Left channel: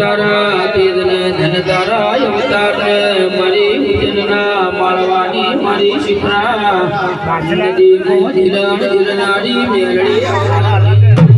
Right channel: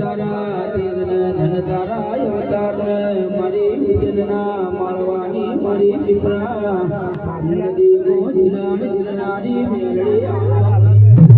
તારા તેજને ધન તારા અવતારને મારી ઉજ્જૈનના માળવાની મારી શિપ્રા નદી કો ધીરણ ધીરનારી મેળડી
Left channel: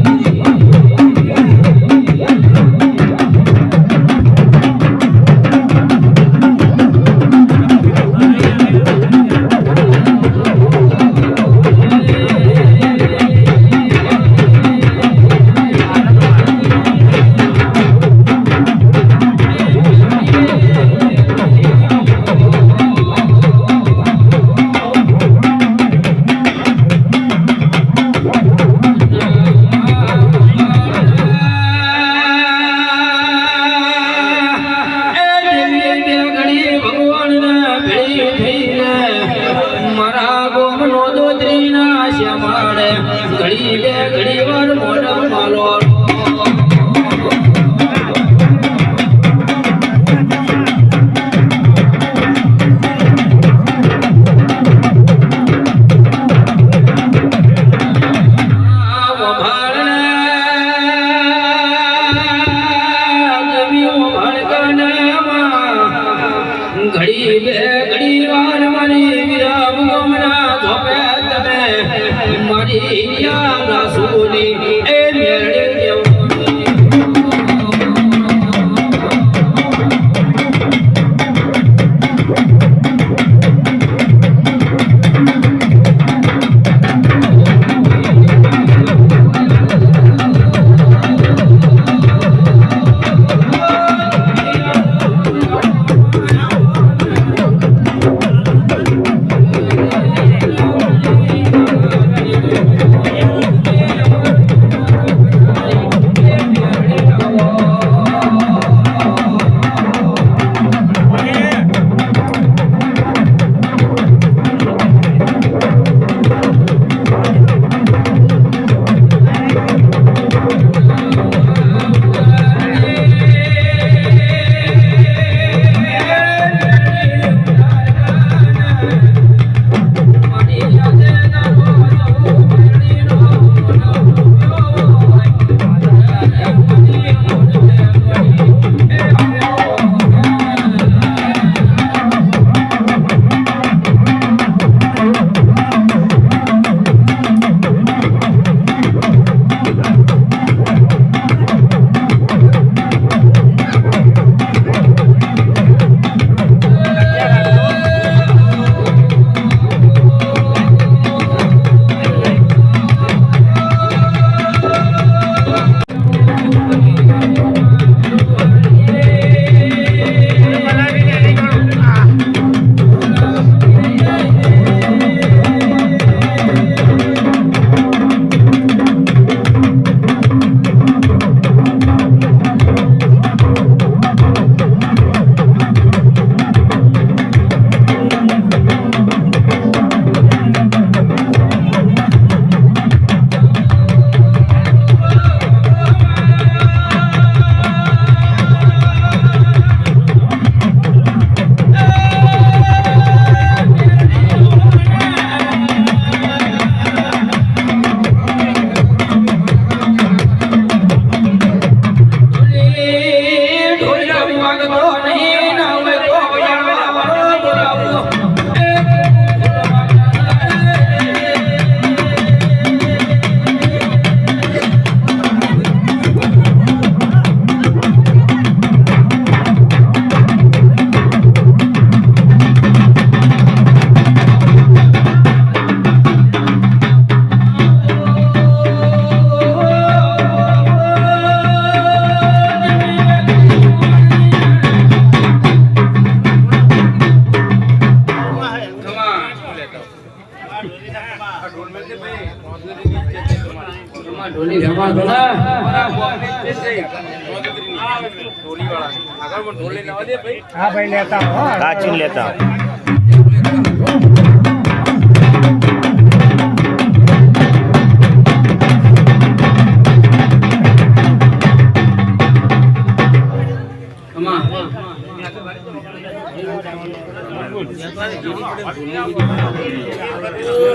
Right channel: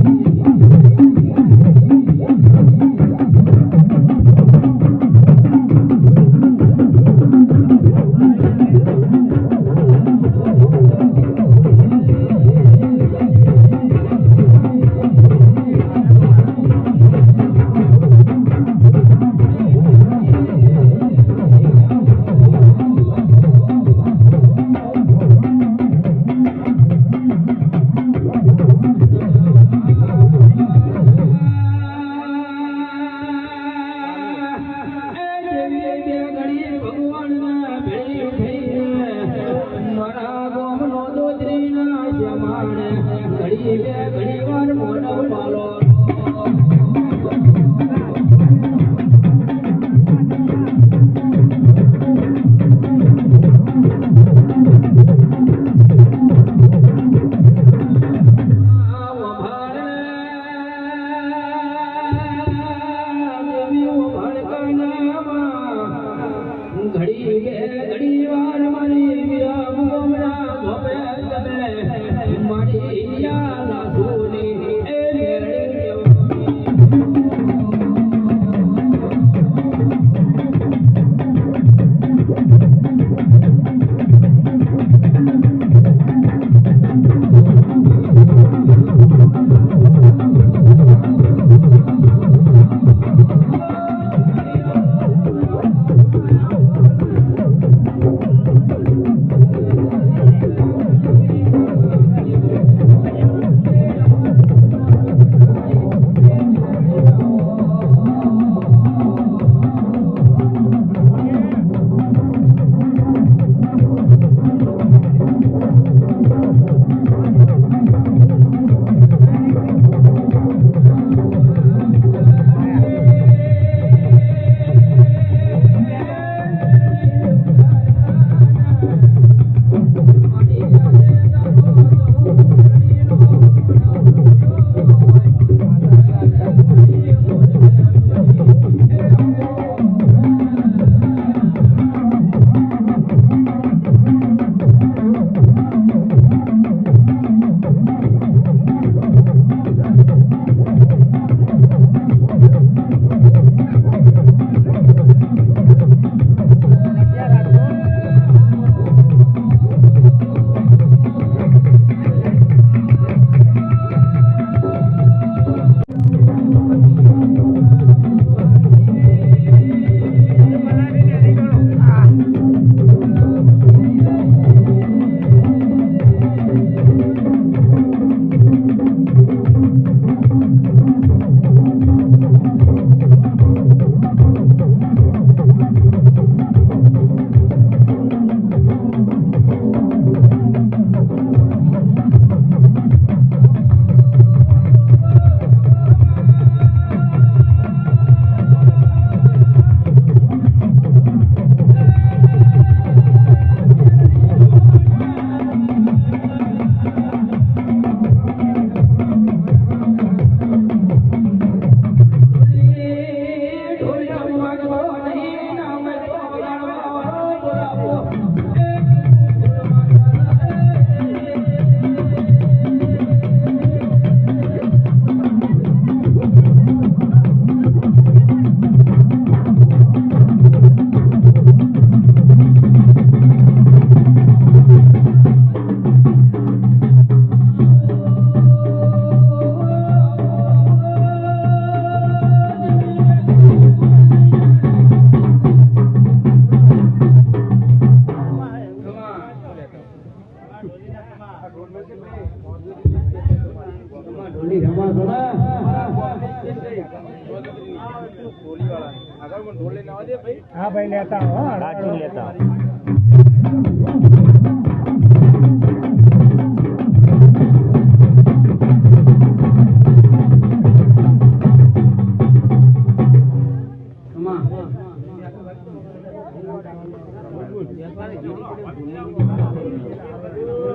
हाँ भाई लेता हूँ काचिन लेता हूँ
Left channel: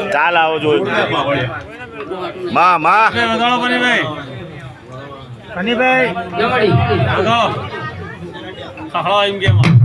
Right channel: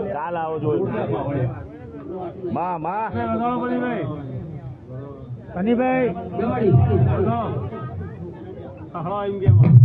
ચાલ આવો જોઈ માં માં કનીભાઈ જમડી ખખડો એમ કેમ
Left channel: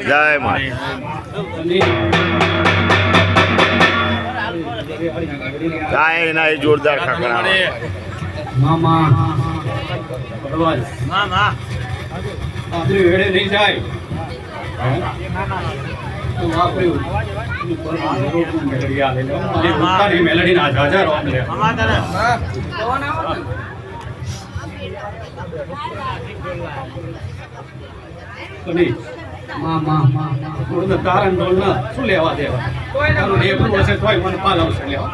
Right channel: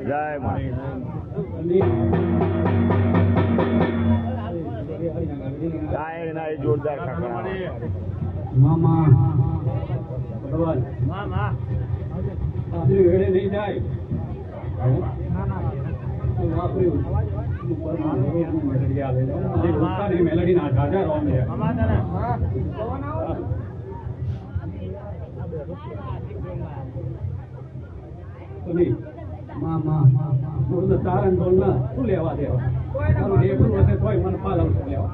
જય માં કાંઈ ના એ જોરદાર ખખડા મામા મામા આપણી વેડે નહીં જાય તો વાપર્યું મેલડી ના જાજા કારણ બોલ ના શું લેવા દેવા એક વર્ષે તોય મને પાલ આવશે લેવા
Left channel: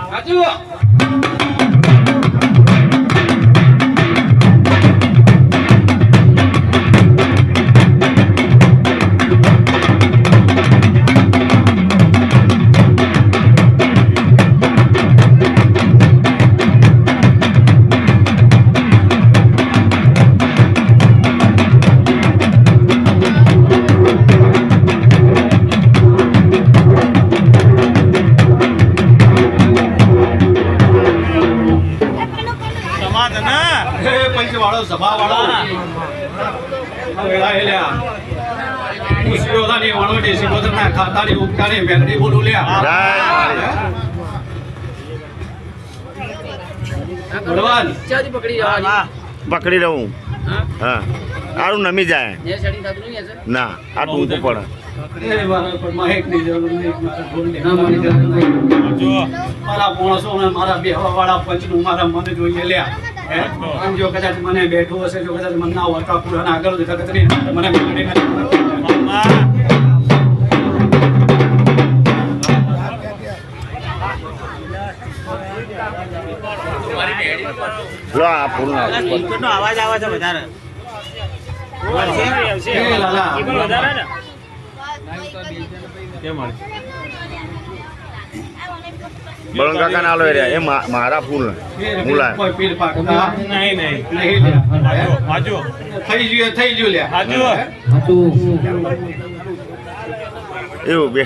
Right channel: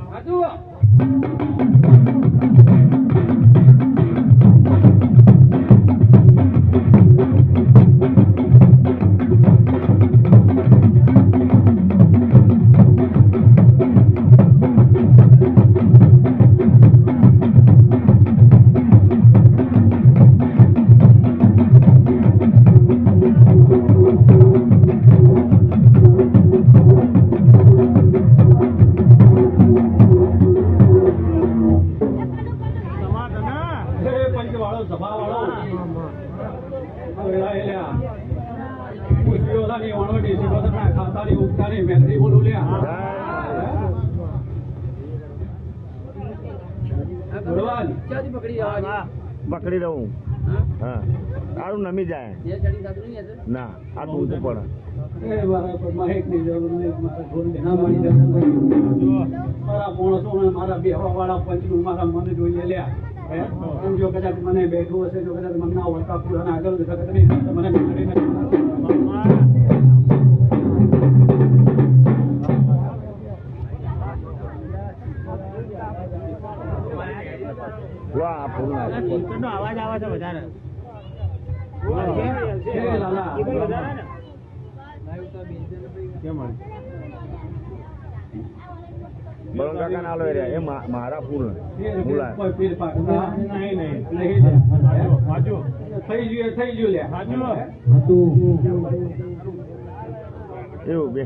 પકડી રહું હા સારું નમી જાય ના આ ટૂંકું પડે મારા પોણસો મારા બેહવા વાળા પંચનું મારા મને જોઈએ લ્યા જો કદાચ મને બેઠું હશે જો કદાચ મને ના વર્કા પૂરા ના આગળ મને અવાજ આવે છે વધારે બળન કાકા ના લો રે એ મારા ફૂલ મુલા નહીં થઈ ગયું લે એવું બે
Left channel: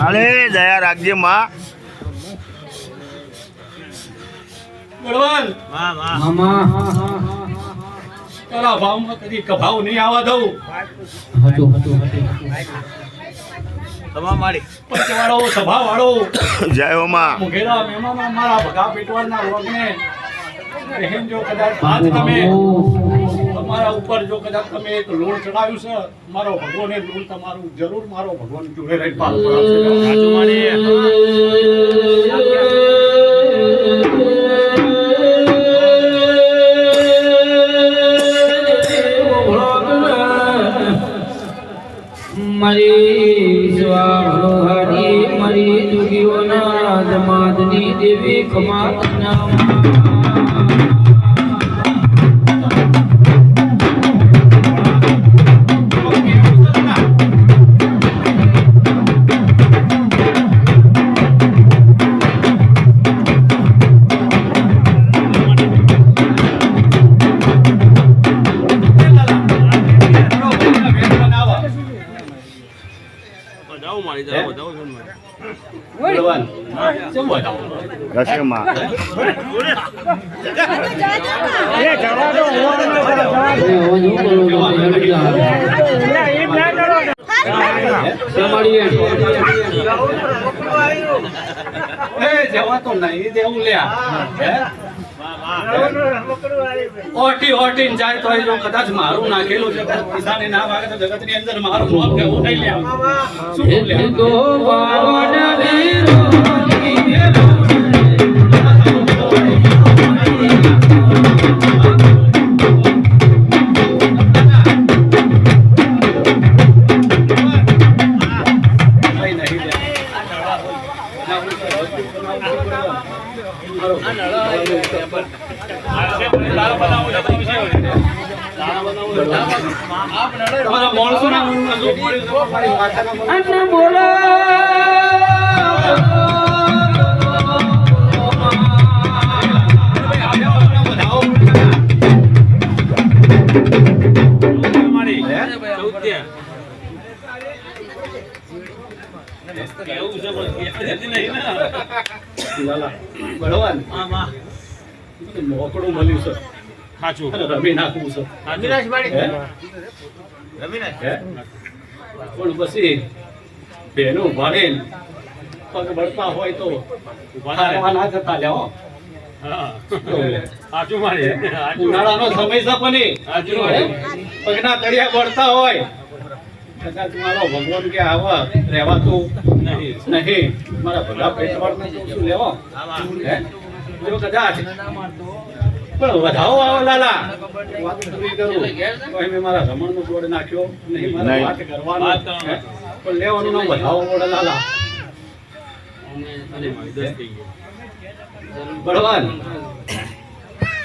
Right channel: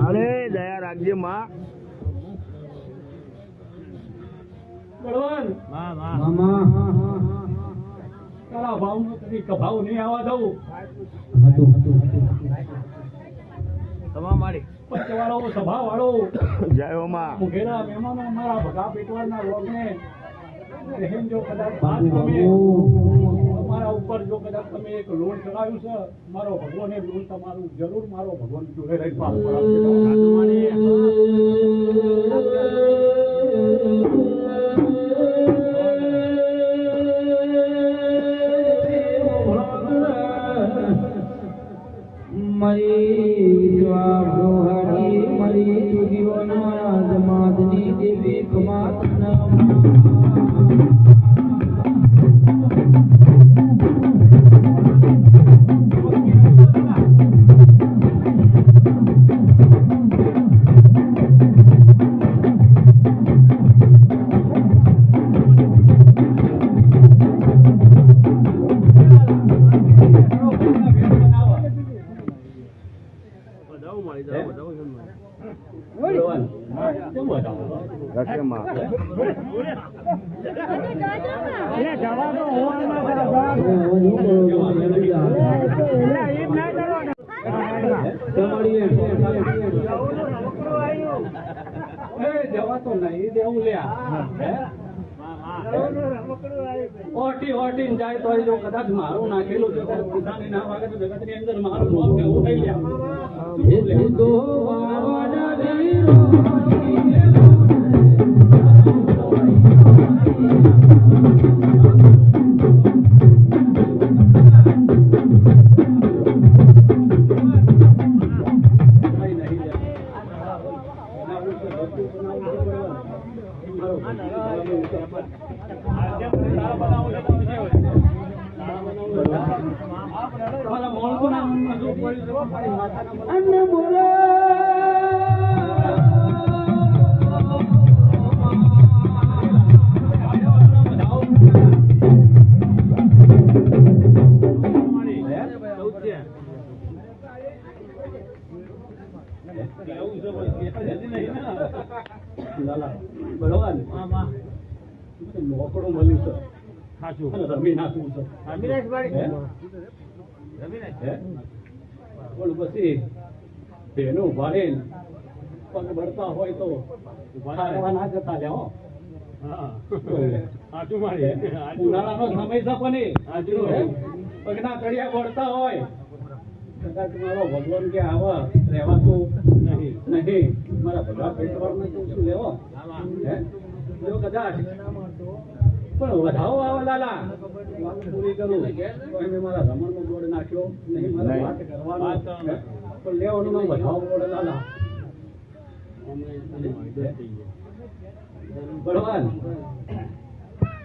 અરે દયા રાખજે માં બળવાન વાહ વાહ તારા ભાવમાં કદી કભાવ નહીં આવવા દઉં. તમામ મારી પંચવાળો સભાવાળો જય હો માં મુઘેરા મહેમાનો મારા ભગા પેટવાળના રોગને રહેમ જો કદાચ આજ તમે તમારા ઉપર જો કદાચ તમે એક લોણ ચડાવ્યું છે, મારો ભગવાન એ લોણ તમારું જરૂર મારો ભગવાન જોડે રહી પાલ પડાવશે. સાચું મારી મારી સ્વાહરી મારી દુગીઓના દમાદની દેવી ખમાતના જાઉં મારી જાઉં જાઉં બળવાન શું બતાવું? દર્શન માં જવા તો નહીં દેવું લ્યા. ઓટી જાય તો એ જો કદાચ મારું નાખેલું છે પણ પૈસાને ના માગે તો જગતની અંદર મારું નામ કેવું થઈ લ્યા. શું લ્યા? તો પાવન વીરો કઈ નહીં લ્યા. તમારા માણસોના ઊંઘમાં જો પડી તો મારી માથાના પર અન્ન બોલો મારી 14 કેવું છે પણ નહીં ને લાલા બળવાન વાહ વાહ મોકળું મળ્યું છે સાચું અને રમી નાખવું છે. રવિરાજ મારી હે? રવિરાજ હે? પણ પછી બેનું ભાગે પગ બળતા હોય તો હારવા ના જતા જાઓ. હા સાચું મારી ઉનાળાનો સમય છે પણ સાચું હે? મારી પગના તળિયા બળતા હોય કદાચ મારો ભગવાન કે આવા રહેવાતું નહીં નહીં. મારા ભલા પેટવાળને શું લેવો હા વાહ હે? જો કદાચ પણ વધાવો આવે લાલા વાત પૂરી કરું તો મેં મારા રમણનો બોર્ડ નાખ્યો નહીં મારા નહીં. વાત કરવાનો વાત કરવાનો. હે? પણ લેવાનું ના વધાવો બોર્ડ લાલા અને મારી 10 થઈ ગઈ બળવાન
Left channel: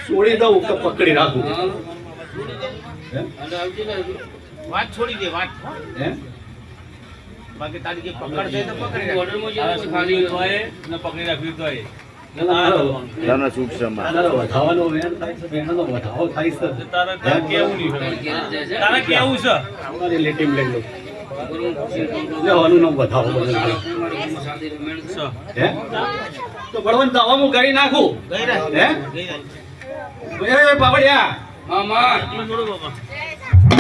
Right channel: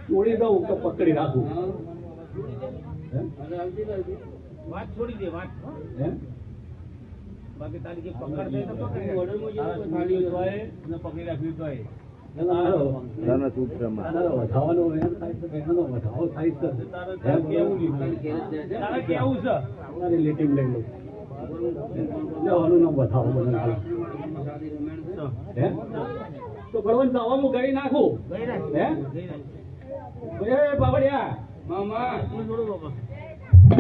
છોડી દઉં કે પકડી રાખું હે? વાત છોડી દે વાત હે? બાકી તારી જે પકડ છે તો પકડી રાખ ખાલી તોય ને પકડી રાખવી તોય તમને શુભ સમા તારો વધાવાનો વેણ થાય છે બેનનો વધાવો થાય છે તારે કેવું નહીં તારે કેવું છે અમારી લેટીમ લઈ લો લેવાનું નામ વધાવો હે? તો બળવાન દવા હું કરી નાખું ગઈ રાખ હે? ગઈ રાખ એ પાવડિયા મામા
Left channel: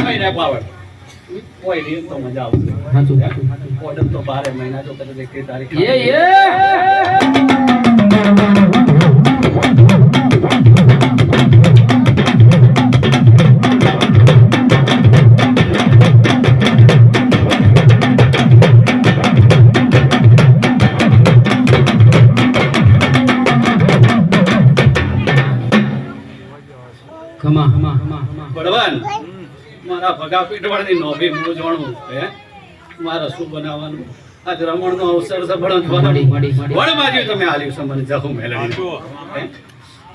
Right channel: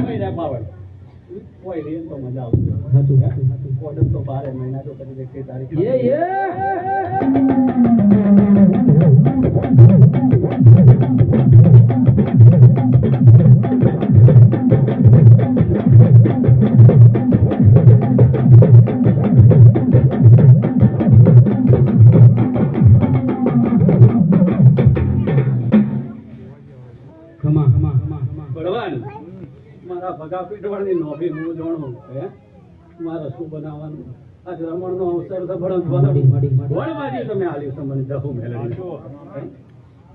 કઈ રે પાવડ કોઈ નહીં તો મજા આવશે સાચું ઓર્ડર તો 12 મહિના જો કદાચ 1 તારીખ બળવાન મારા ભગા પીઠવાળની નોભી મૂંઝવણું હે મારે શું બનાવવાનું આજ રમણનો અવસર છે વડબાજી તમે આલ્યું છે મને જહુ મેળવી હે?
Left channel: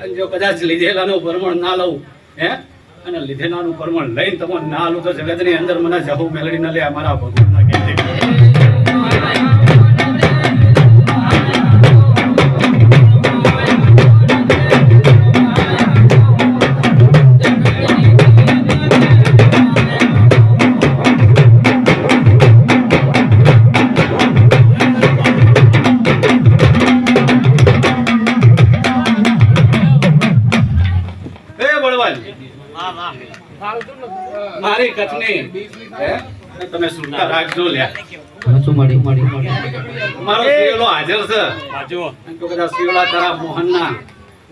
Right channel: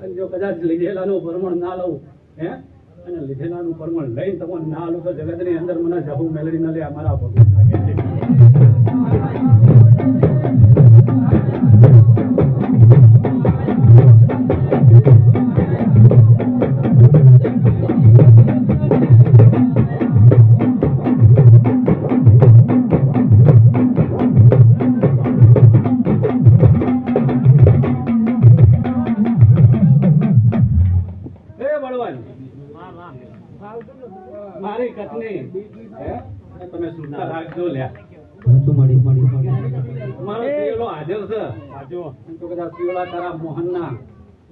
અને જો કદાચ લીધેલાનું પરમણ ના લઉં હે અને લીધેલાનું પરમણ લઈને તમને ના લઉં તો જગતની અંદર મને જહુ મેળવી ન લે મારા ભગવાનના કહેજે. મારી કચ્છની હે તમે સુરતા રાખજો લ્યા હાચું મારી મારો શિવલો હાજર છે તો કદાચ શિવલા તારા મોહનના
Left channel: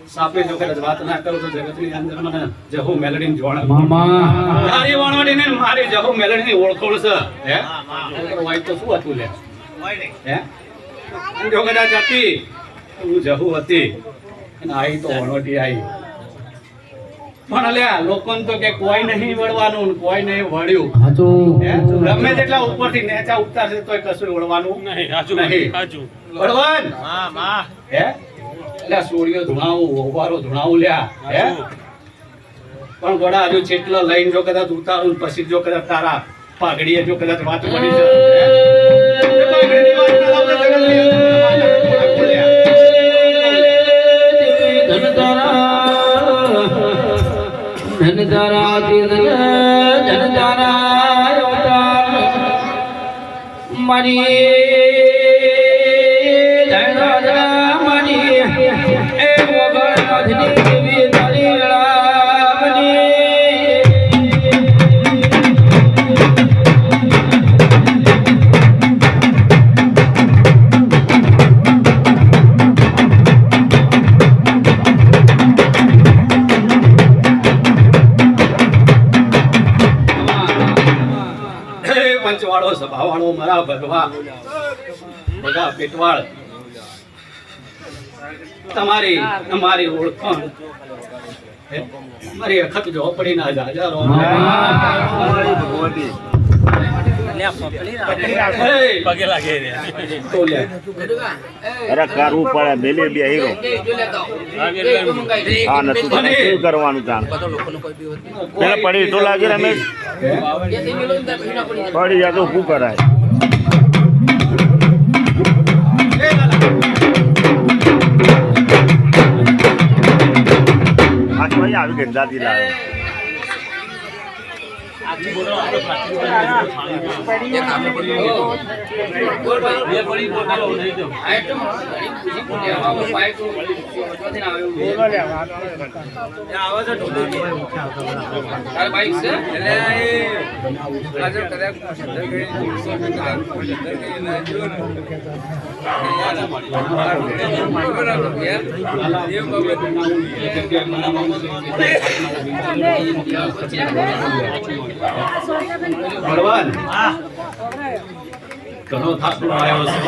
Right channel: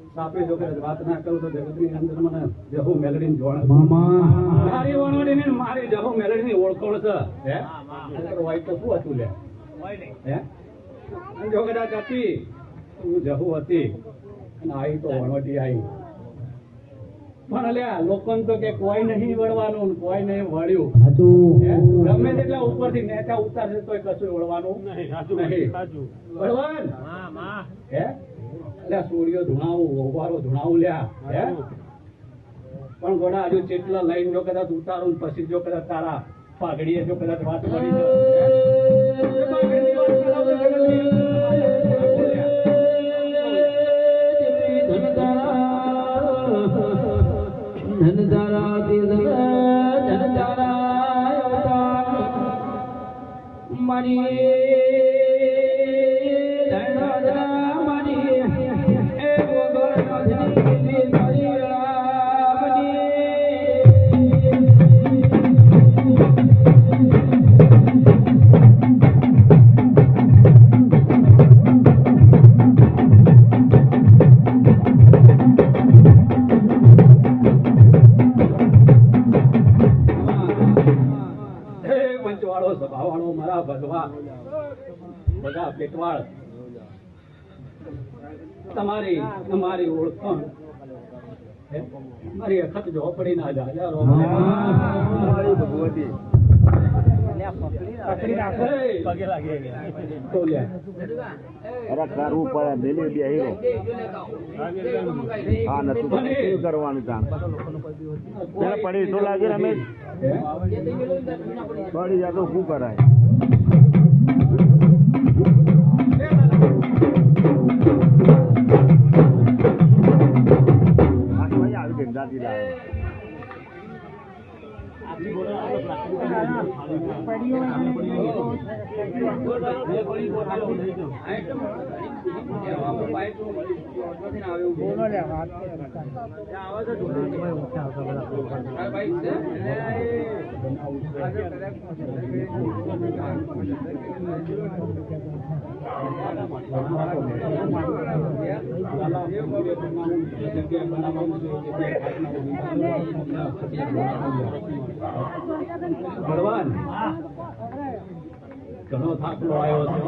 સાપે જો કદાચ વાત ના કરું તો જગતની અંદર મને જહુ મેલડીને જોણે મામા તારી વાણવાડીને ને મારી જહુ મેલડીની ઓળખોળ છે હે હોય તો શું હતું લે હે અને જો કદાચ હતી હું જહુ હતી અને આઈ તો વણવટી આઈ પણ અલ્યા લોકોને તો કે કોઈ નહીં વળવાનું કોઈ નહીં વળ્યું હાચું હે? ગમે તેટલા ઉપરથી નેચા ઉતારશે તોય કશું વળવાનું નહીં વળવાન હે એટલે સોડિયો ધુણાવું ઓવારો ધુણાવું લ્યા હે પણ ગોડા હજુ ચેટલો લઈને જો કદાચ ઉતારું ને પછી જો કદાચ તારા પાઘડીએ જો કદાચ વાત પડી છે હે? એ પાઘડીની વાત ના લાવતા જગતની અંદર લ્યા. ધનધારા મારી પંચવાળો સભાવાળો મારા ભગવા બધા પેટવાળ તમારી ઓળખાણ હે? મારી અખત ઝોપડીના જાજારો તો લે. અરે કરવું પડે બેલે બે હીરો હા નથી શું કરવાનું કામ પેલા પડી તો લાગે રમેશ પડી જાય તો શું કરાય આજ ભાઈ આવી ગંદાથી લાવે ભગવાન ઘણો થાક આવ્યો છે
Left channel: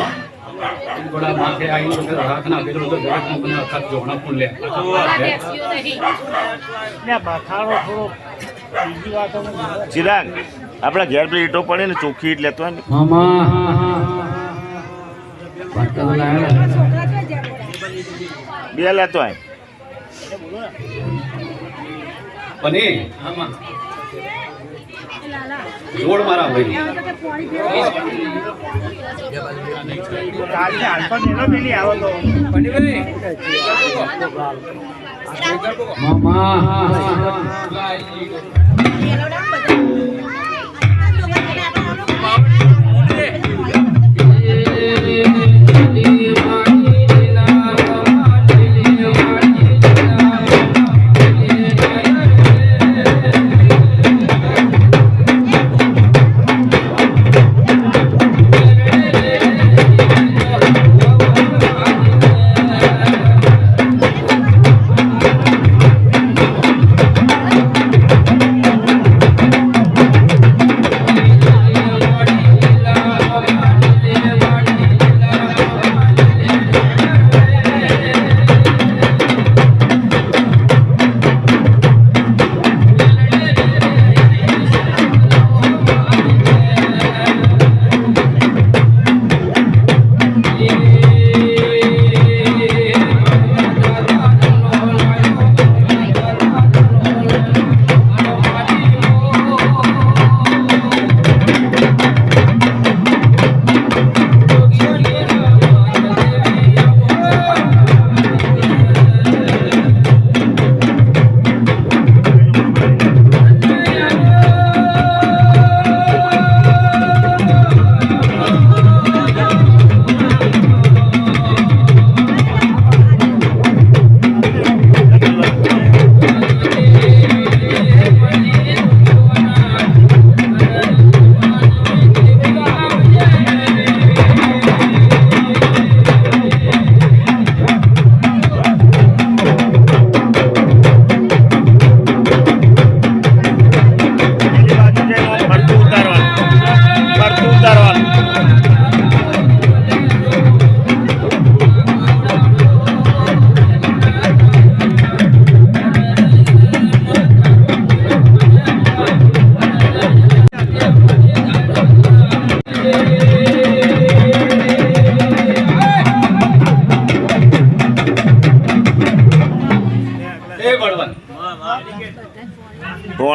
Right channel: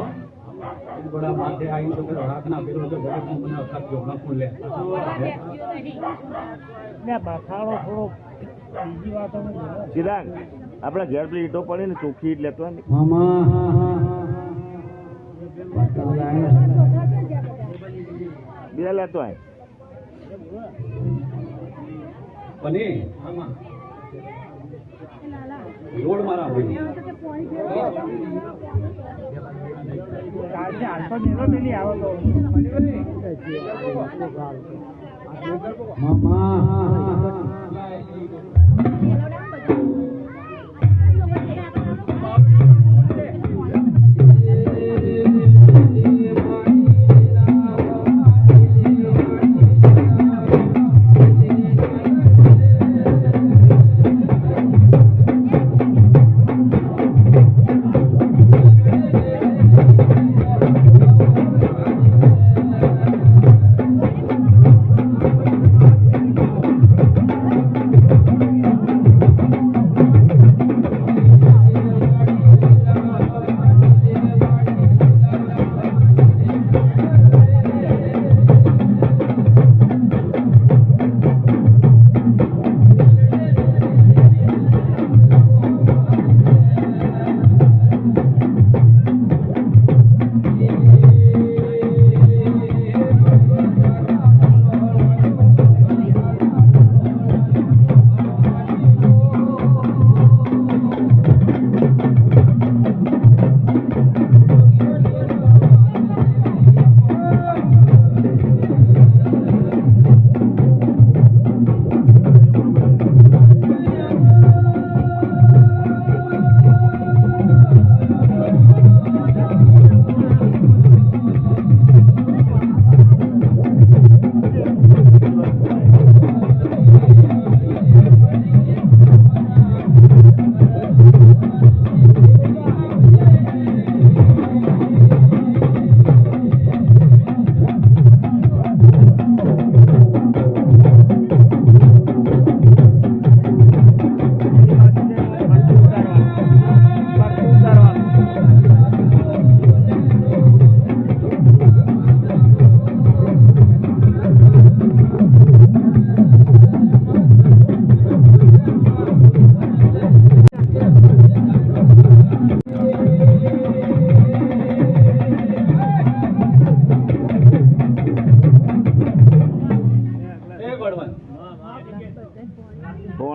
થોડા માથે આવીને તો રાખના પેલું તો ઘોડા કંપનીના થાક જોણા પણ લે ચિરાગ આપણા ઘેર પેલી ઈટો પડે ને ચોખ્ખી ઈટ લેતો હોય ને મામા બે લેતો હોય બને જોડ મારા ભાઈ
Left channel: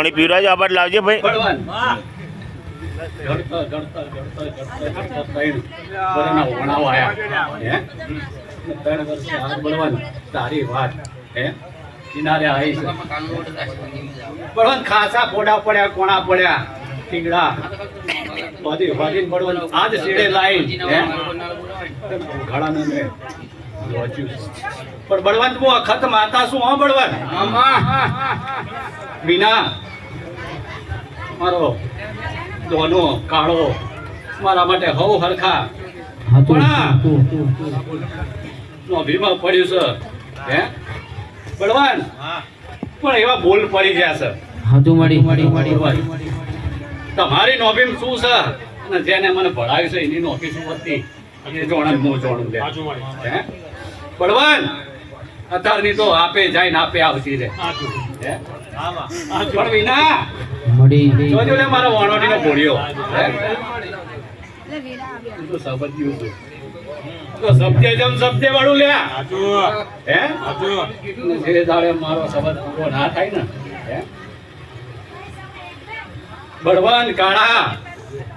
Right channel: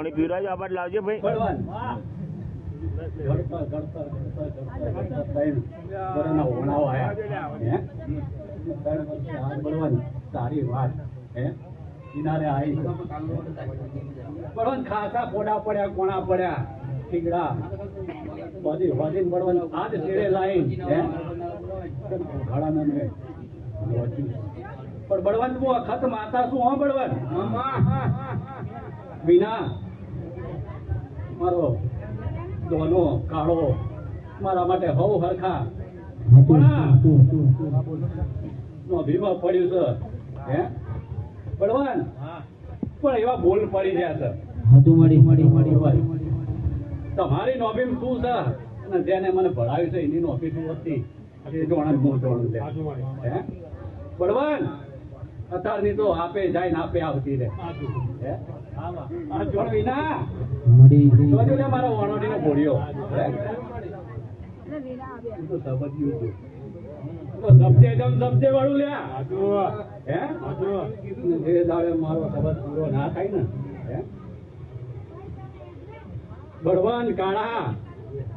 પાણી પીવડાવજો આ બાદ લાવજે ભાઈ બળવાન વાહ ગણતા ત્રણ વર્ષના વણાઓ આયા હે 3 વર્ષ આ બળવાન તારી વાત હે કિનારે આવી છે બળવાન ખાસા ફોડા પડ્યા કોણા પડ્યા ઠીકડા બધી વાલીન બળવાન આજ સીડે લાઈન હે ઘણા ને લોચ્યું પણ બળવાન તું અખત માતા શું હો બળવાન બીના મારો દોનો કાળો મારા માટે હવ હરખા નો ભીમા પડ્યું છે હે બળવાન હા પણ એવા બોલ પડી ગયા છે હાચું માડી તમારી નોબીમ શું છે અને જેને મને ભણાવ્યું છે એની નોબી શું હતી એ જોણ હું જોણું લે હે બળવાન અત્યારની તો આપે જાય ને આપે આવતી રે હે પણ વિના મડી જોજો લે મારો વાણોડીનો ભોળિયો હે તો સબજ્યું છે તો સબજે જમ સબજે વાળું લે હે ધીરે ધારે મારો સબજ પૂરો ના થાય ને હે બળવાન કાળા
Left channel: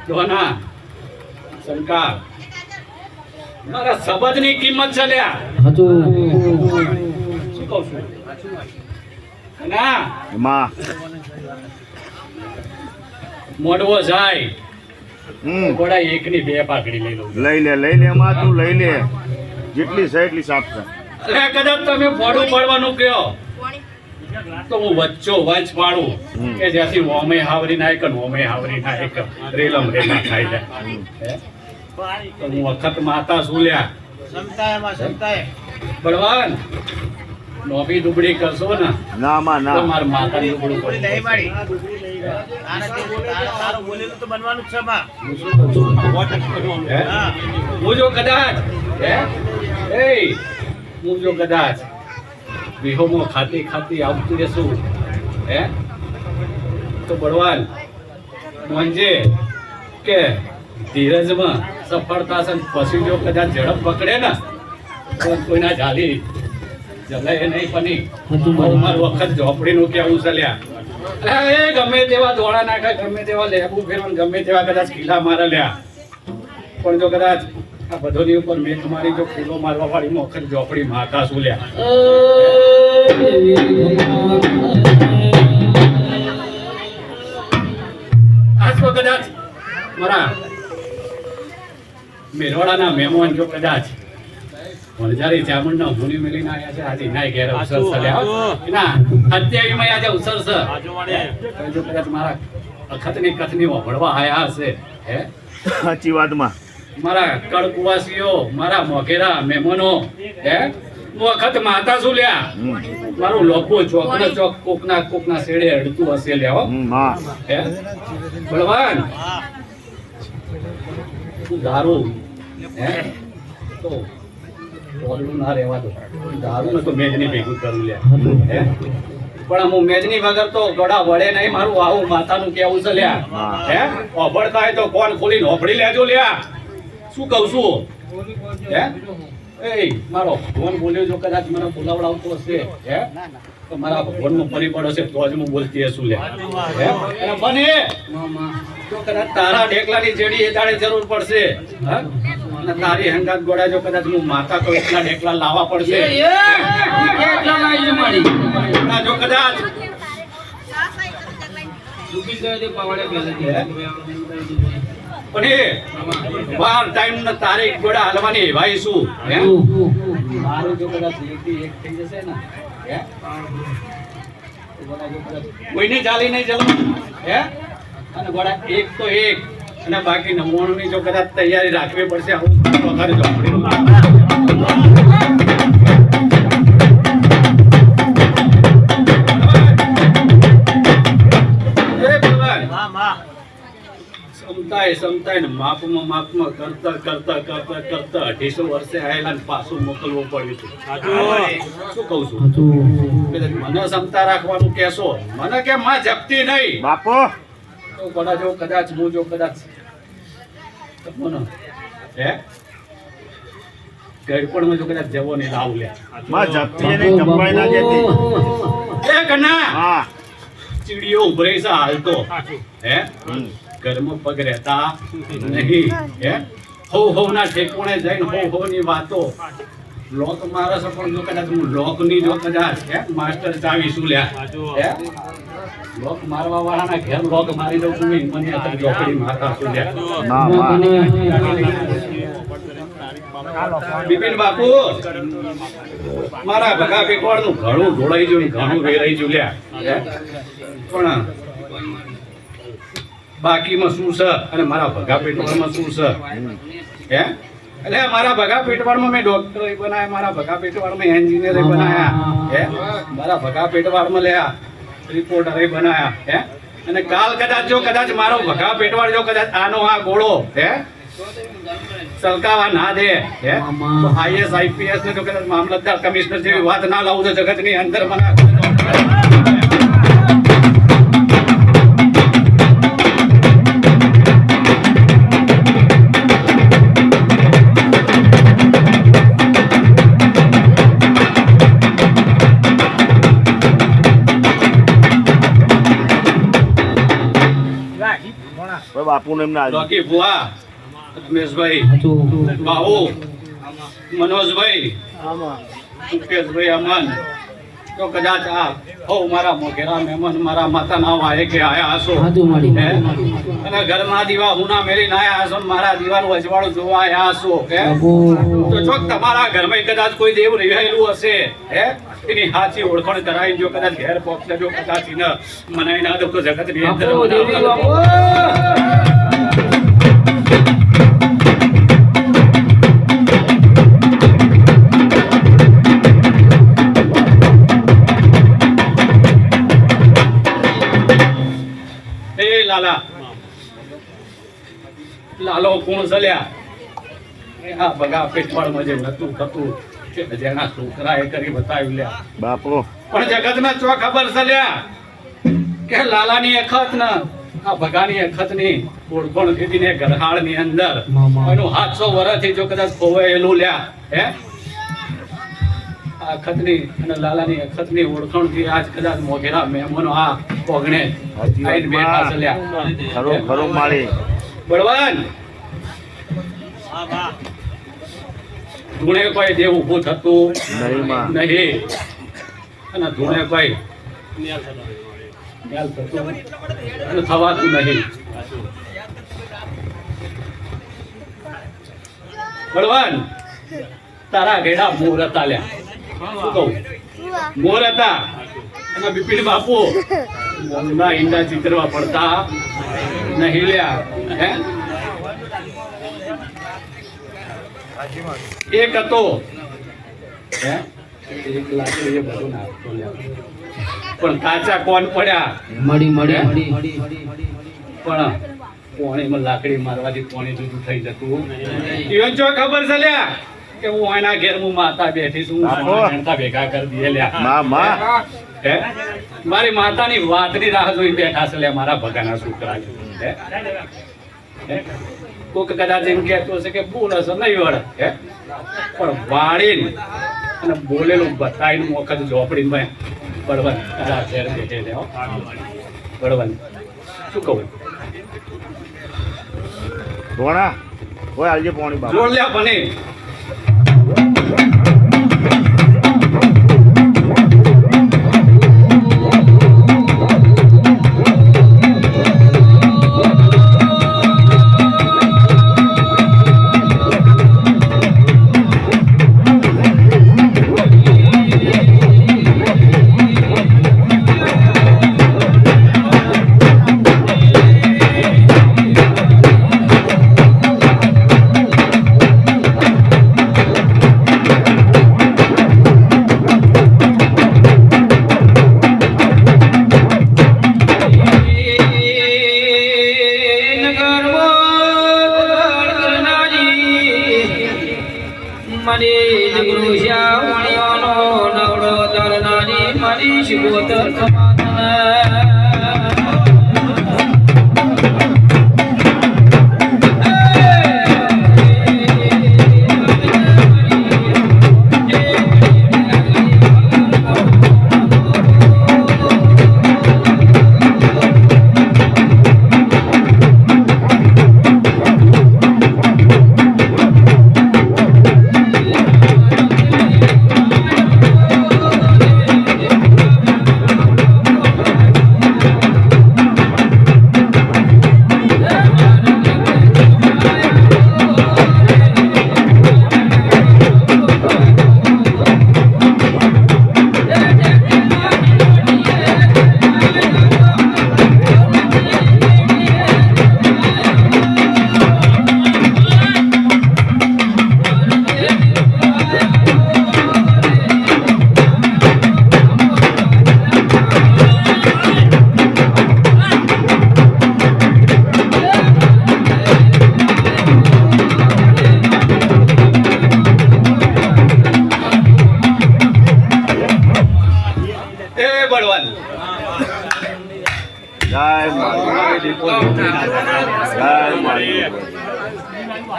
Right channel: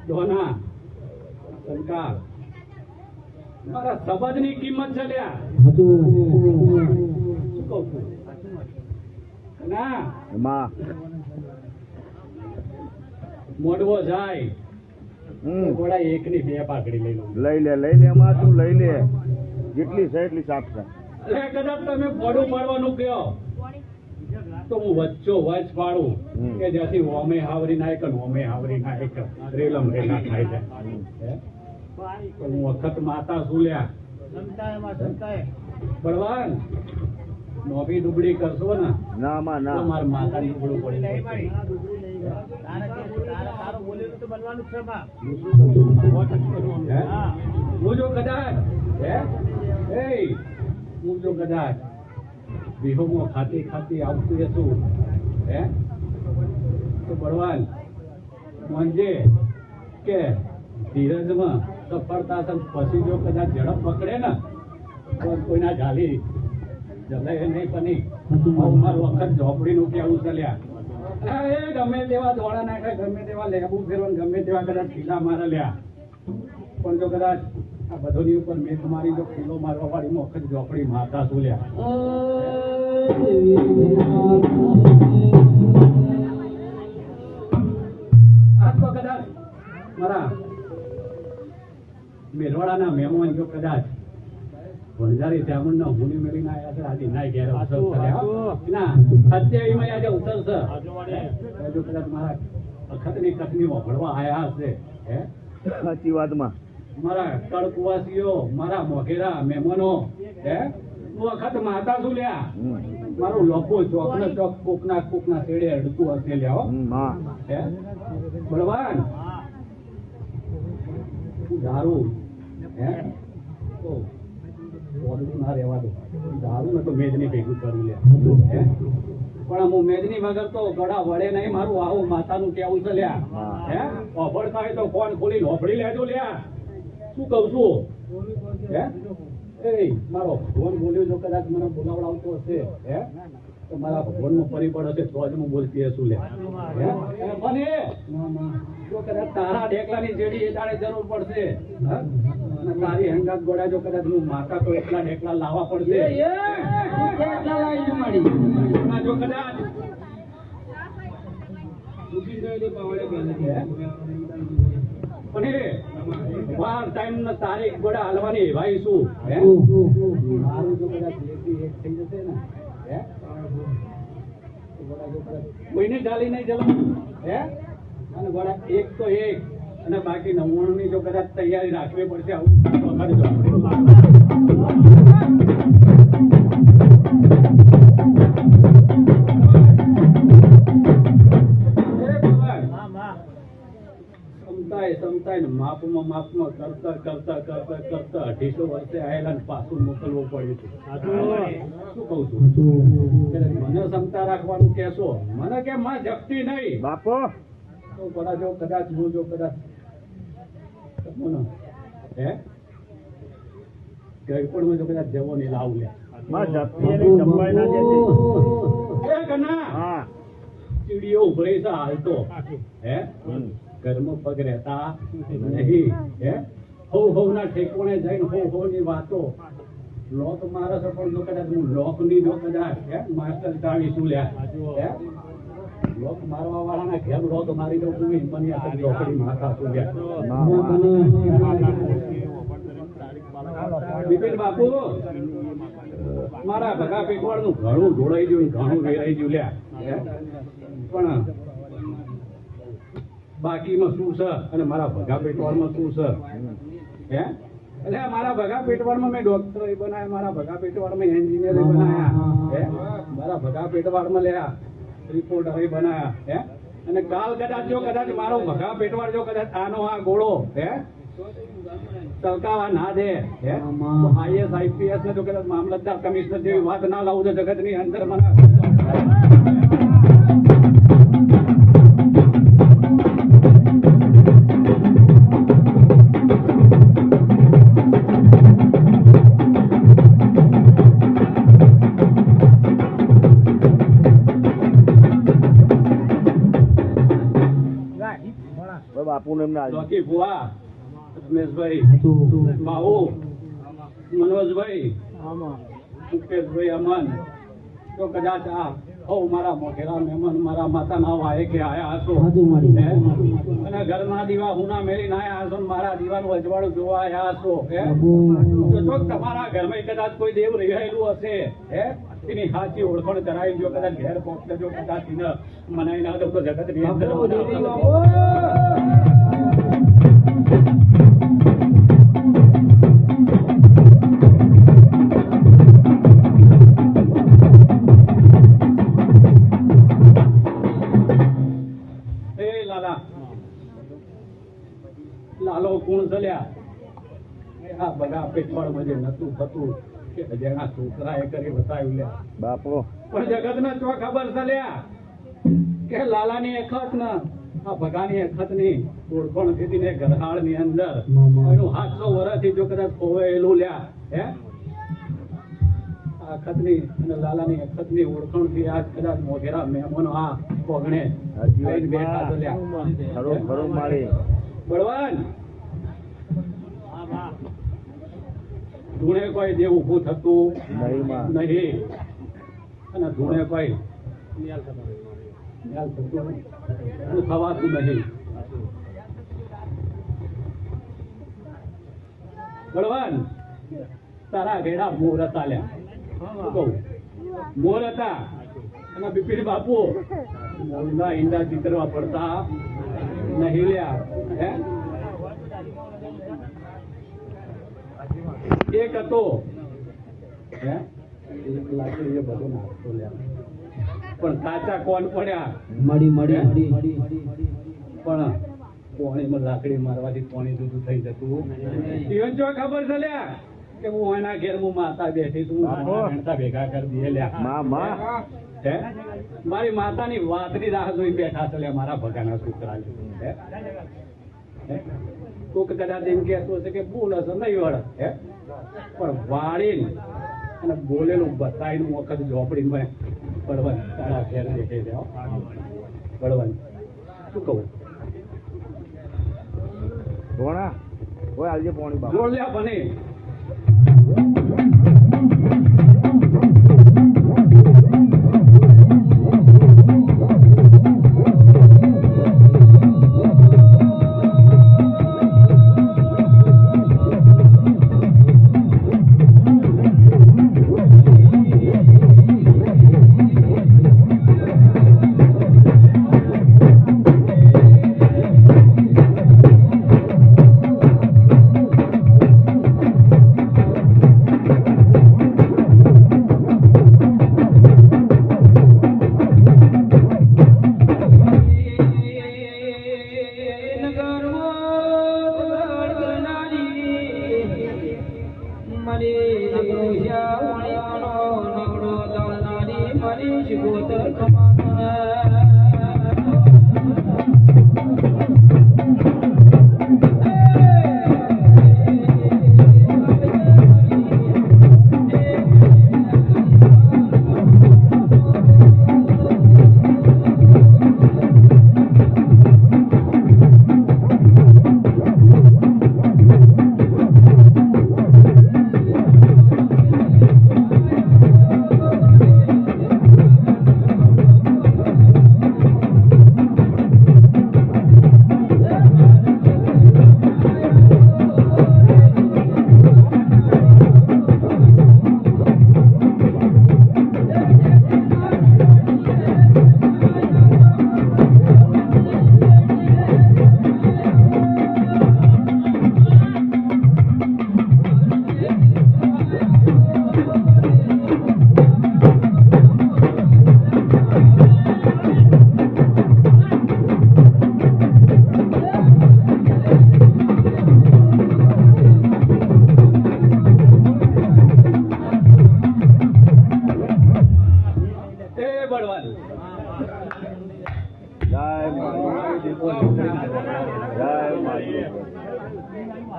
દોના શંકા મારા સબજની કિંમત છે લ્યા હાચું શું કહું છું ના માં મોડવો જાય હમ ઘોડા એકની બે પાકડી લઈ લઉં લઈ લે માં તું લઈ લે જેટલી છે એટલી સાફ કર અરે કદાચ તમે ફોડું પાડવાનું કહો તો હું વચ્ચો વચ પાડું કે જ્યાંથી ઓમે હાવરી નાય કે ઓમે હાવરી નાય કે રેલમ રેલા ખાઈ જાય હે? તો હું વખત માતા શું લ્યા ક્ષમતાએ માં ક્ષમતાએ બળવાન નોબી દુબળી કરશો ને ના માં તો ના મારા માતાની દુબળું કોઈ કરવું નહીં પડશે. માડી તારું બોલેલું તો બનવાનું જ છે માં હે? હા હું જો કદાચ હે એ હું જો કદાચ વિહોમાં ખાતી આવતી રહેશું હે તો બળવાન મંજે કે ધીરજમાં સફળતા છે પછી જો કદાચ ઝડપ પકડે ને તો કોઈના જાલી જલાય નહીં પની મારું વખત ઝોપડીનું કેવું ચાલ્યા એ ગમે તેવા દોડા નાખે ગમે તેવા લેબુ ફેરવા ગમે તેવા કદાચ કિલ્લા મારે લ્યા પણ જો કદાચ આ બધોની ઉપર મેં તમારી જો કિલ્લો મારવા વાળી વખત ઝોપડી માતા શું લ્યા આજ તો કદાચ મારા મેરવાડાના મહેમાન જો કદાચ વણઝારી ચામુંડના ભૂલી મેલીને આવ્યા છે આજે નાય ઘેર અવસર છે ના 28 માં આજે અવસર છે પણ જો કદાચ મારા અખતની કથની વભળવા આયા હશે હે સાચી વાતમાં મારા કડકુવાસીઓ મારા મોઘેરા મહેમાનો હે વખત માતા શું લ્યા મારું લોકો ચોકના ચોક કોકના શેડે અડતું હશે લ્યા માં હે બળવાન હા તું દારૂ હે તો બોલવું ના રહેવા દો દારૂ ને તો મેજની ભેગું કરું લ્યા હે પણ હું મેજની વગર તો ગોડા વળે નહીં મારું આવું માતાનું કેવું છે લ્યા હે ઓભળતા હોય તો કોણ ખોલીને ઓભળી લેજો લ્યા શું કહું છું હે એ મારો ભગવાન બોલ્યો જો કદાચ મને બોલાવડાવતો હશે હે તો મારા ભગવાનનો પરિબળ હશે તો જ હું બોલતી હશું લ્યા હે અને બને જો કદાચ તારા ઢેકલાની જેડી એ દાડે જરૂર પડશે હા અને તારી હંગાત ગોળા જો કદાચ હું માતા તો એટલા ઢેકલા લાવવા પડશે ના જો કદાચ પણ એ વાર ટાઈમ ને તારીખ ગોળા હાલવાની ભાઈ શું હે મારું જો કદાચ લેતી એક થઈ જશે ને હે તો ગોળા જો કદાચ કોઈને ચાલી નહીં જવાનું હે અને ગોળા એક તો એક અને બાકી 99 ની જો કદાચ તૈયારી રાખવી પડશે આવું વખત ઝોપડીનું એ ભગવાન માં માં સમતાય ને માપમાં કરતા 250 વર્ષે આયેલા ને પાછું મોકલવું પડ્યું હતું શું કહું છું કદાચ મને ક્ષમતા રાખવાનું કહેશો મને કે માં જપતી નહીં બાપો તો કોના જો કદાચ હું જો કદાચ મને હે ગળપણમાં જો કદાચ જવો નહીં લાવું લે માં જપતી નહીં જપાઈ ના જતી એ કના હા ચીડીઓ ઉભરે છે હાલતો હે ઘરમાં પગ રહેતા નહીં હે હો ના ઠેકોણે જઈને હો ની વાતો લોક મારે છે પણ જો કદાચ હું લોક ની જો કદાચ હે માસ્ટર ચાવી શું લ્યા હે લોક મારવા વાળાના ઘેર લોક મારી દઉં છું મને આ જોકડી મારતા શું લ્યા બિપિન બાપુ મારા ભગા પેટવાળનું ઘણું ઢોળાઈ ગયું ને ઘણું વેરાઈ ગયું લ્યા હે પણ બાકીમાં શું છે અને મારા ભગા પેટવાળમાં શું છે હે એટલે મારા ભગા પેટવાળમાં મેં ડોક્ટર બનાયા મારા ભગા પેટવાળમાં એન્જિનિયર બનાયા હે મારા ભગા પેટવાળમાં લ્યા રિપોર્ટર બનાયા હે અને કાલ કદાચ મારો ભગા પેટવાળ જો કદાચ આનો આ ગોળો હે સલકાવા ના દે હે તો આઈએસ આઈપીએસ ને જો કદાચ મામલતદાર કમિશનર જેવી વાત ના લાવું તો જગતની અંદર મને બાપુ ને એમના રોકી ભુવા રમેશભાઈ બાહુ મનોજભાઈ મુકેશભાઈ અમન તો કદાચ આ હો મારા મોઘેરા મહેમાન મારા માતા ના વાય કે આયા હશો હે અને ઘરના દીવા હુના મેરીને આયા હશો મારા દીવાનું અજવાળું જોવા આયા હશો હે તો ચોક તમારા ઘરમાં કદાચ કોઈ દેવ રહેલું હશે હે એની સાચી ઓળખાણ કરાવી જો કદાચ ઘેર પહોંચે જો કદાચ ન મનાઈ ના દો તો જગત ની અંદર લાલો કોણ ચલ્યા આ બગા પેટવાળમાં જે નતું થતું કે જેના છોકરાએ કરી બતાવ્યું લ્યા બાપુ પણ જગતના ચો ખબર ચલ્યા કે લાલાની અખત ન આ બગાની અખત ની ઓળખોણ કીધી ને ગરહાળ ની અંદર એનું 700 વર્ષથી જો કદાચ ખોવાયેલું લ્યા હે આ અખતની અને લાલાની અખતની ઓળખાણ થી આજ કદાચ મોઘેરા મહેમાનો આ પોગણે આઈને બેઠા ચલ્યા ખરું માળી બળવાન ધૂણે કોઈ દેવ ઊભું થતું નહીં અને ધૂણે કોઈ ન્યાલ થતું અને થવાતું નહીં બળવાન તારા ઘેડા મોર હતા લ્યા શું કહું મોર હતા અને બિપિન બાપુ ના ઈંડા ચિત્રવા પડતા નહીં લ્યા હે એક હતો હે એક લાકડી એ બધું નાખતો લ્યા પણ કાચા કોણ પડ્યા મળી પણ કોણીમાં લાકડી મારવાથી કોણી જુદું થઈ જતું ઈવન જો ખબર છે લ્યા કે હું એના ઘેર હું માતા બેઠી છું હું ભેગા કરી દે લ્યા હે મારી માતાની વાતની રાહ જોઈ બેઠા છે લે મારા ભગાના છોકરા હે કોક કદાચ એમ કહેતો હશે કે બોલ હશે નહીં વળ હે પણ વાળીને અને બોલેલું બતાવીને વખત ઝોપડીમાં બળવન કદાચ ઘેર બેઠે લે બળવન શું કહું ભોણા કોઈ હાલજે પાણી બાપુ જોડ લ્યા બને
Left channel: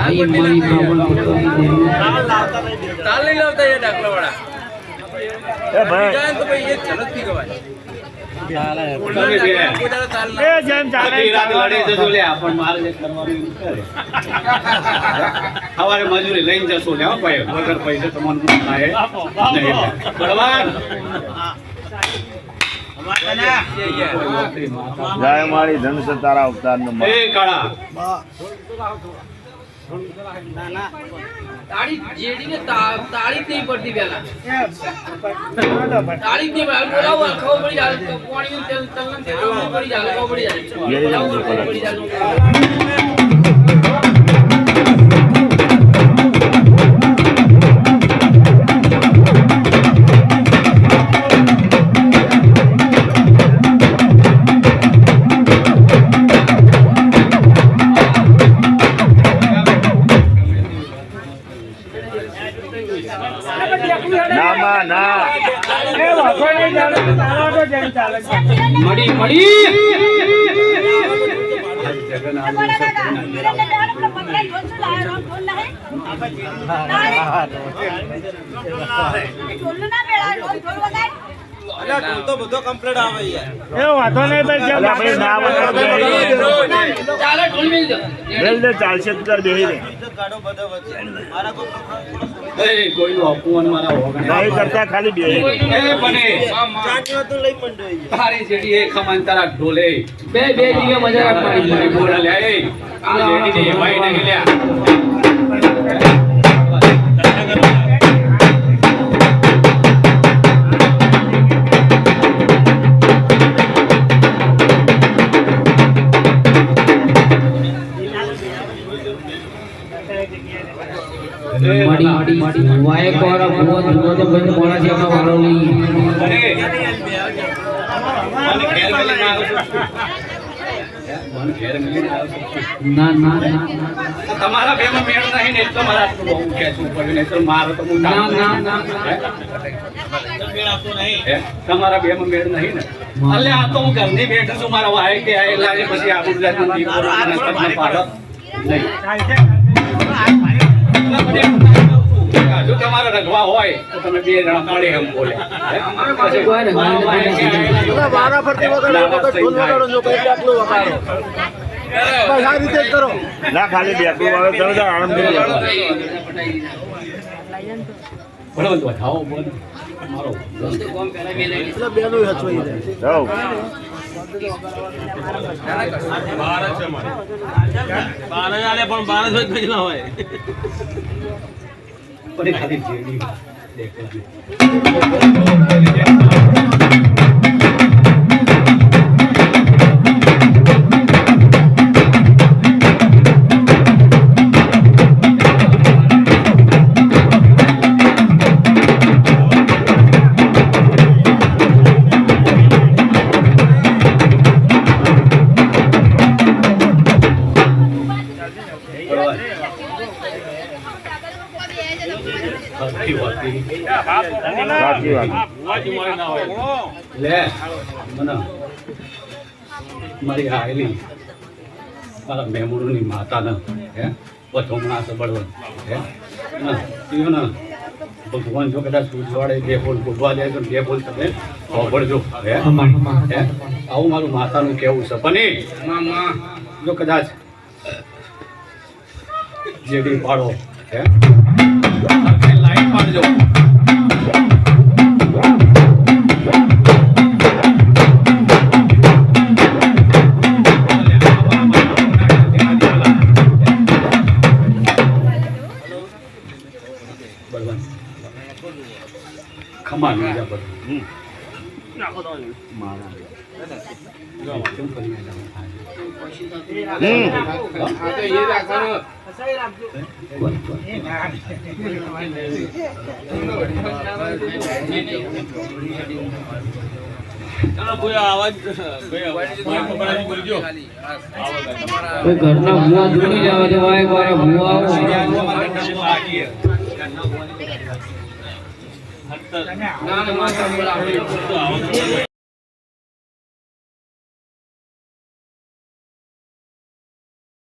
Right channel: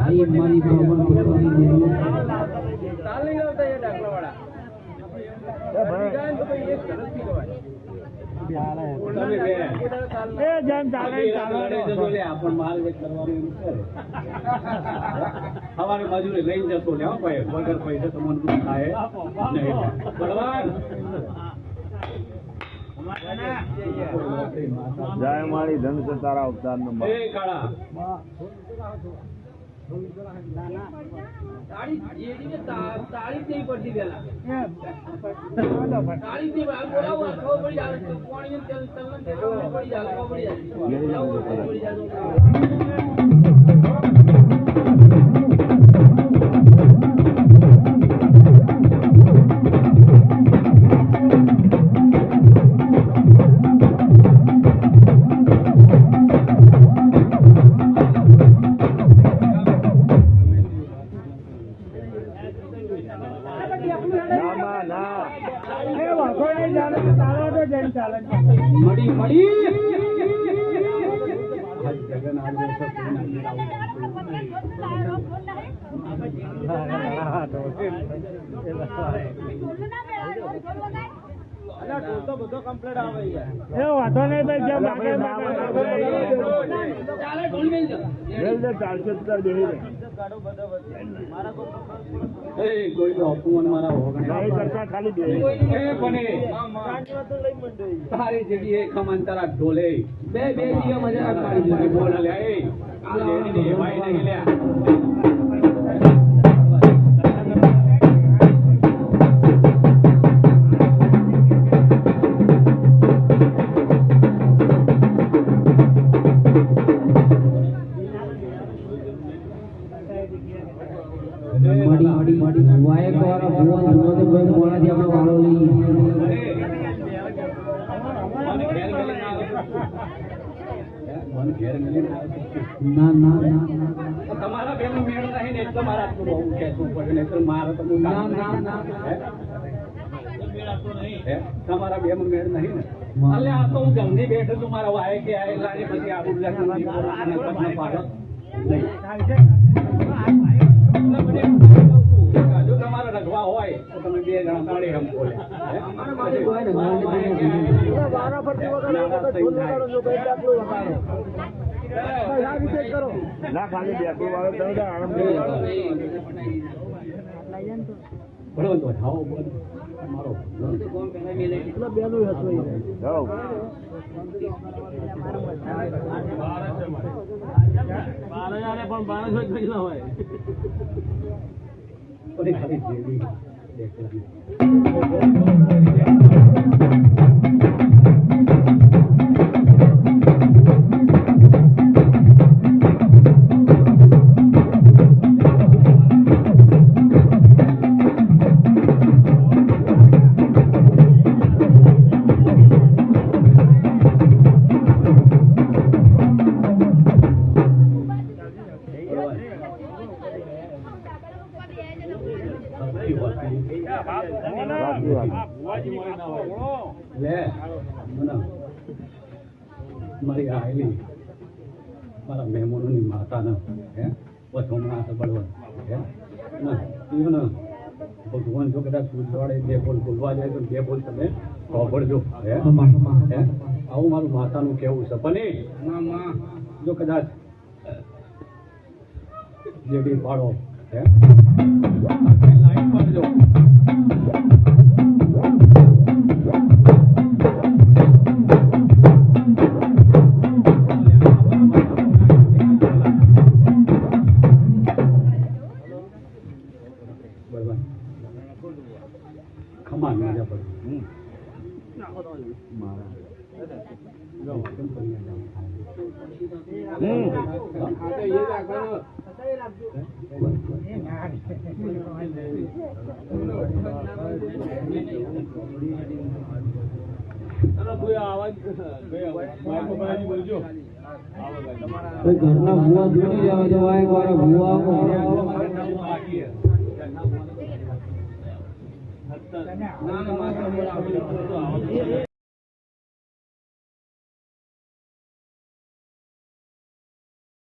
અહીં મારી બ્રાહ્મણ પટોળી તાલ નહીં લાવતા એ ડાકલાવાળા. એ ભાઈ જાય તો ભાઈ એ ચલત નહીં ગવાય. તમે બે. એ બધી રાત લડી જશો લ્યા, પણ મારે જે કરવાનું એવું કરે. સવારે મજૂરી લઈને જશો લ્યા, હો ભાઈ. વગર પૈસે તમારું કામ થાય નહીં. બળવાન. જય મારી ધન તારા અવતાર નો એ કાળા. તાળી જેડીને તાળી જ નહીં પડતી પહેલા. તાળી જ નહીં પડતી. બોલાવો ખબર પડી જાય તો પાણી તેલ તલન તેલ પડી જાય ખબર પડી જાય. બોલાવો ખબર પડી જાય. ના માં ના મળી મળી ચાલો ઢોલ મેલ દો. ચાલશે તું તાર બેહી રે એ કોઈનું અપમાન મારા હોગણે. નહીં કરતા ખાલી બેહી રે. એ બને. તારી જેડી એ ખમાન તારા ઢોલે. બે દીવે મજા રાખવાની એ બોલા લ્યા, એ. આ જેડીને એવાય નહીં લ્યા. મળી વાય કોરા ભૂવો ધૂનો તો બંધ મોડા છે એમાં વારો લઈ મને ઘેર મળીને આવું છું. મને ઘેર મળીને આવું છું. ના ના ના તમારા બેમાં મેળ નહીં ને એટલે મારે આટલું બહુ ખેંચવું પડ્યું, નહીં તો મારો તો હું ના ના ના હે? તમારા બેમાં મેળ નહીં ને એટલે આ તો હું ઘરની બેઠો છું, મારા વાય કે આ એટલે આજે પછી આબુ ગુજરાતનો દીવો અને તમને પાડો નહીં. જો તમારે રખવા હોય તો તમે બે જણા મળે એમ બોલે. પછી ના ખાલી બેઠું આવે તમે તો આનંદ કરી લો. બોલો વધાવો બોલ મારો જાઓ. પણ ખાલી જેડી દેખવાની. સાચી વાત. લે મને મારી આયેલી મારા મેમોરની માતાને હે બથોમણા સબળવન હે ને ઈવન ભગવાન જો કદાચ સૂઝવાડે બે બોલ બોલવા દે તો બે બોલ તમે સાંભળજો હે હે આવું મારું માતાનું કહેવું છે પણ જો કદાચ જેડી પાડો હે લાઈટ પાડજો. ખમા ના બધું કોઈ ઘરના ભૂવા દૂરી જવા દેવાય મારા ભૂવા ના ના